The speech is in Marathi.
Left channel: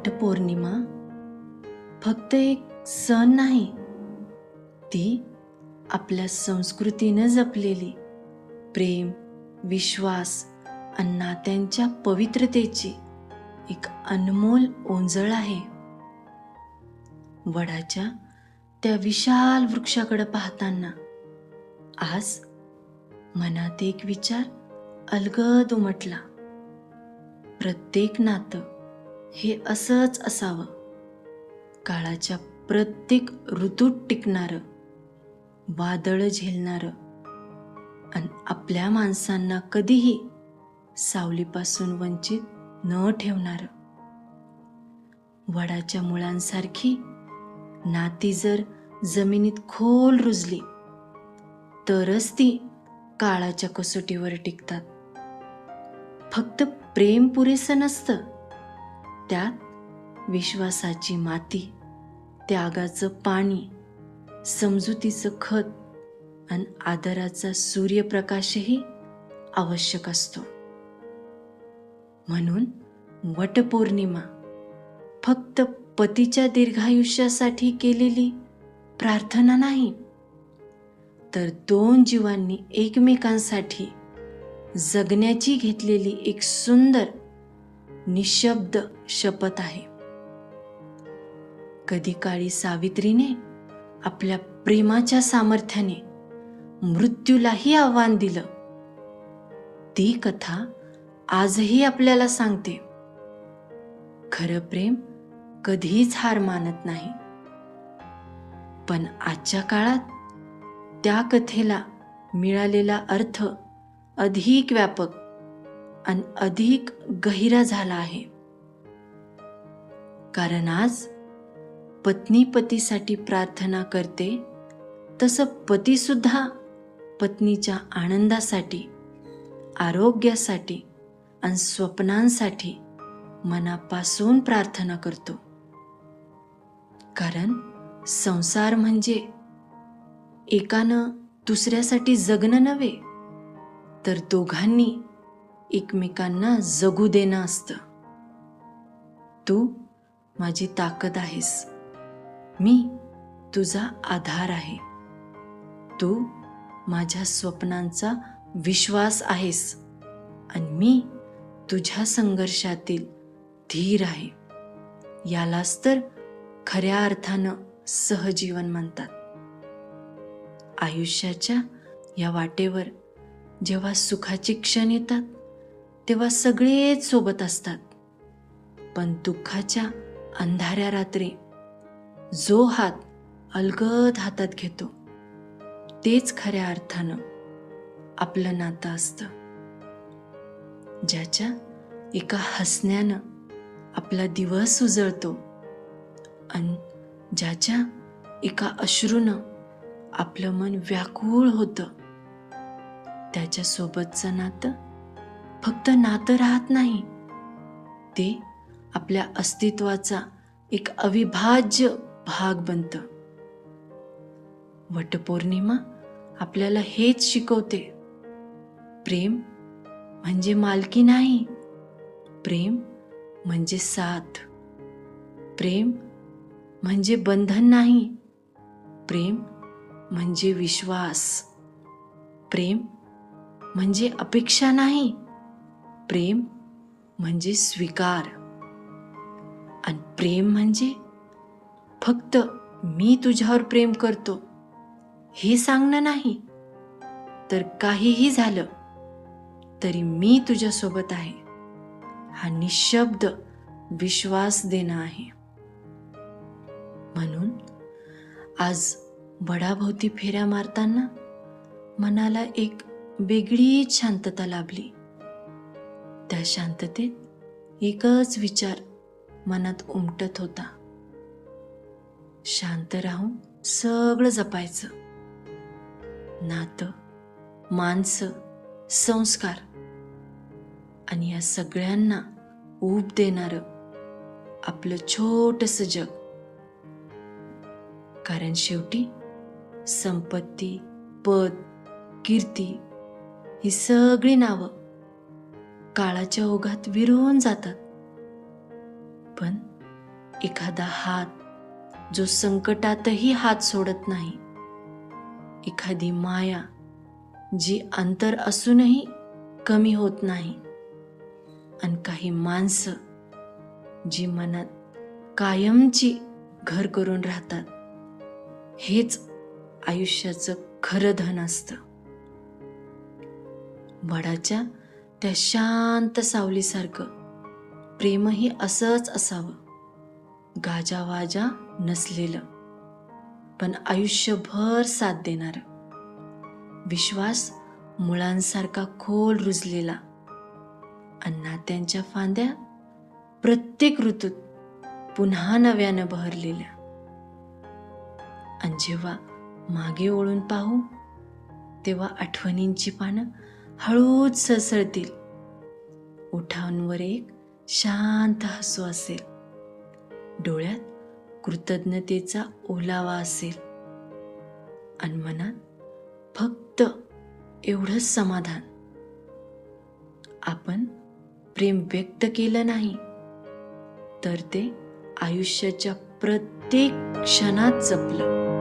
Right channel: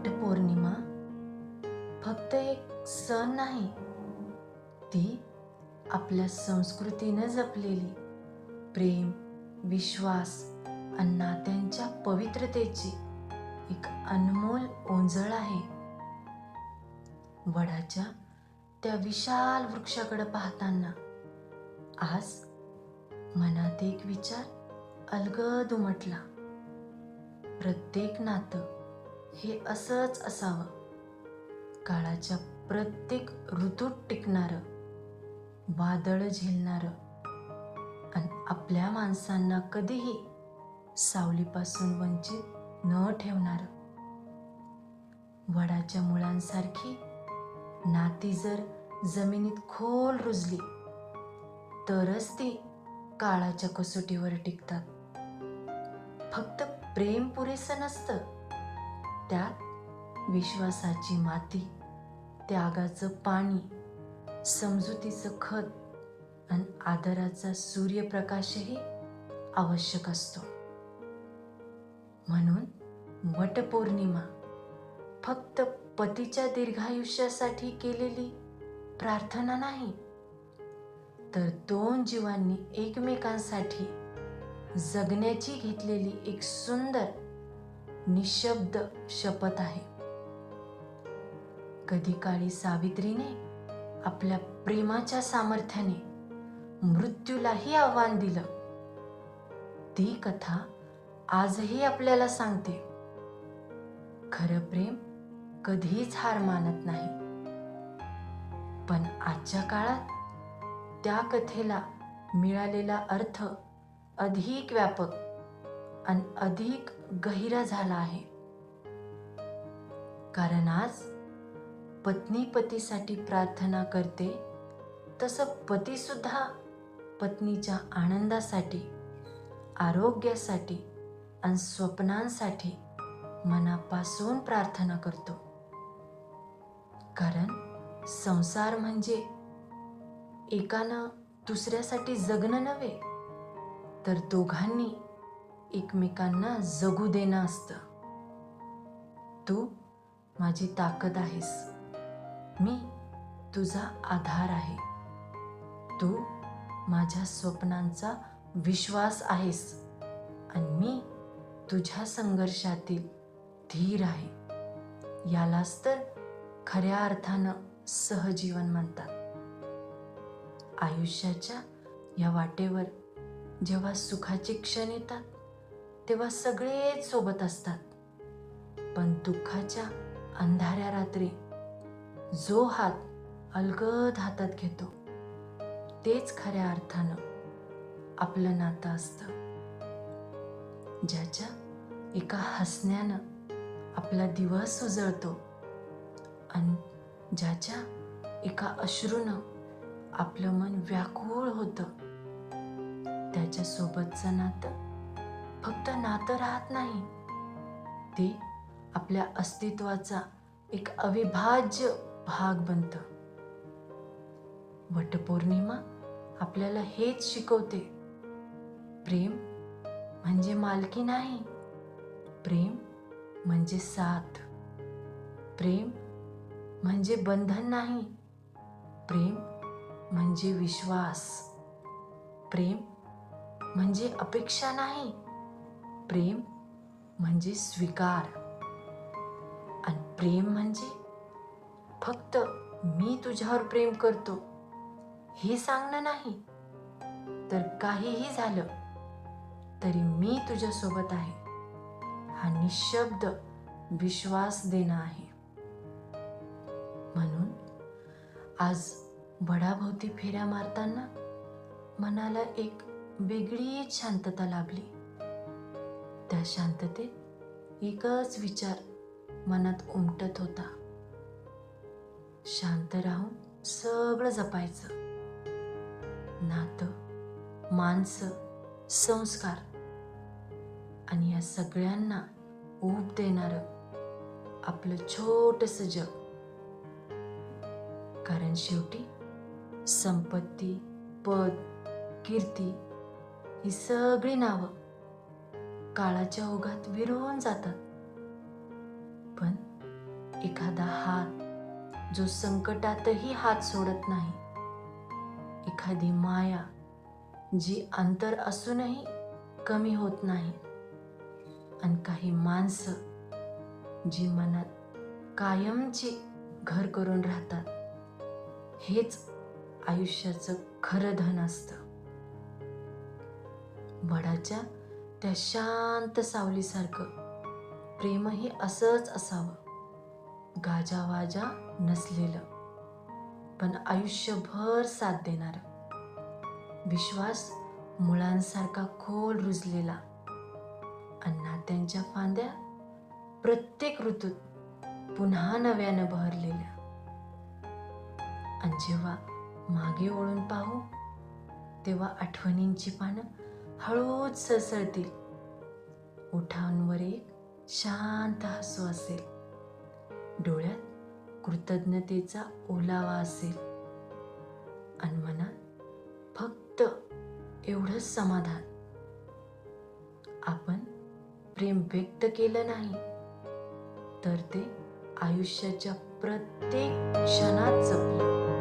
वटपौर्णिमा फक्त एक सण नाही, ती आपल्या संस्कृतीनं जपलेली प्रेम, विश्वास आणि नात्यांच्या पवित्रतेची एक अनमोल ओंजळ आहे. वडाच्या त्या विशाल वृक्षाकडे पाहताना आज मनात एक विचार अलगद उमटला. प्रत्येक नातं हे असंच असावं, काळाच्या प्रत्येक ऋतूत टिकणारं, वादळ झेलणारं आणि आपल्या माणसांना कधीही सावलीपासून वंचित न ठेवणारं. वडाच्या मुळांसारखी नाती जर जमिनीत खोल रुजली तरच ती काळाच्या कसोटीवर टिकतात. फक्त प्रेम पुरेसं नसतं, त्यात विश्वासाची माती, त्यागाचं पाणी, समजुतीचं खत आणि आदराचा सूर्यप्रकाशही आवश्यक असतो. म्हणून वटपौर्णिमा फक्त पतीच्या दीर्घायुष्यासाठी केलेली प्रार्थना नाही, तर दोन जीवांनी एकमेकांसाठी जगण्याची घेतलेली एक सुंदर निशब्द शपथ आहे. कधी काळी सावित्रीने आपल्या प्रेमाच्या सामर्थ्याने मृत्यूलाही आव्हान दिलं. ती कथा आजही आपल्याला सांगते, खरं प्रेम कधीच हार मानत नाही. पण आजच्या काळात त्या कथेला मिळालेला अर्थ अधिक व्यापक आणि अधिक गहिरा झाला आहे. कारण आज पत्नी पतीसाठी प्रार्थना करते, तसं पती सुद्धा पत्नीच्या आनंदासाठी, आरोग्यासाठी आणि स्वप्नांसाठी मनापासून प्रार्थना करतो. कारण संसार म्हणजे एकानं दुसऱ्यासाठी जगणं नव्हे, तर दोघांनी एकमेकांना जगू देणं असतं. तू माझी ताकद आहेस, मी तुझा आधार आहे, तू माझ्या स्वप्नांचा विश्वास आहेस आणि मी तुझ्या संघर्षातील धीर आहे. यालाच तर खऱ्या अर्थानं सहजीवन म्हणतात. आयुष्याच्या या वाटेवर जेव्हा सुखाचे क्षण येतात तेव्हा सगळेच सोबत असतात, पण दुःखाच्या अंधाऱ्या रात्री जो हात अलगद हातात घेतो तेच खऱ्या अर्थानं आपलं नातं असतं. ज्याच्या एका हसण्यानं आपला दिवस उजळतो आणि ज्याच्या एका अश्रूनं आपलं मन व्याकुळ होतं, त्याच्यासोबतचं नातं फक्त नातं राहत नाही, ते आपल्या अस्तित्वाचा एक अविभाज्य भाग बनतं. वटपौर्णिमा आपल्याला हेच शिकवते. प्रेम म्हणजे मालकी नाही, प्रेम म्हणजे साथ. प्रेम म्हणजे बंधन नाही, प्रेम म्हणजे विश्वास. प्रेम म्हणजे अपेक्षा नाही, प्रेम म्हणजे स्वीकार. आणि प्रेम म्हणजे फक्त मी तुझ्यावर प्रेम करतो हे सांगणं नाही, तर काहीही झालं तरी मी तुझ्यासोबत आहे हा निशब्द विश्वास देणं आहे. म्हणून आज वडाभोवती फेऱ्या मारताना मनाला एक वेगळीच शांतता लाभली. त्या शांततेत एकच विचार मनात उमटत होता, शांत राहून सगळं जपायचं. नातं, माणसं, संस्कार आणि या सगळ्यांना ऊब देणारं आपलं छोटंसं जग. कारण शेवटी संपत्ती, पद, कीर्ती ही सगळी नावं काळाच्या ओघात विरळून जातात, पण एखादा हात जो संकटातही हात सोडत नाही, एखादी माया जी अंतर असूनही कमी होत नाही, आणि काही माणसं जी मनात कायमची घर करून राहतात. हेच आयुष्याचं खरं धन असतं. वडाच्या त्या शांत सावलीसारखं प्रेमही असंच असावं, गाजावाजा नसलेलं, पण आयुष्यभर साथ देणारं. विश्वास मुळांसारखा खोल रुजलेला, आणि नात्यांच्या फांद्या प्रत्येक ऋतूत पुन्हा नव्यानं बहरलेल्या. आणि जेव्हा मागे वळून पाहू, तेव्हा आठवणींची पानं हळूच सळसळतील. ओठांवर एक शांत हसू असेल, डोळ्यात कृतज्ञतेचा ओलावा असेल, आणि मनात फक्त एवढंच समाधान, आपण प्रेम व्यक्त केलं नाही तर ते आयुष्याच्या प्रत्येक क्षणात जपलं.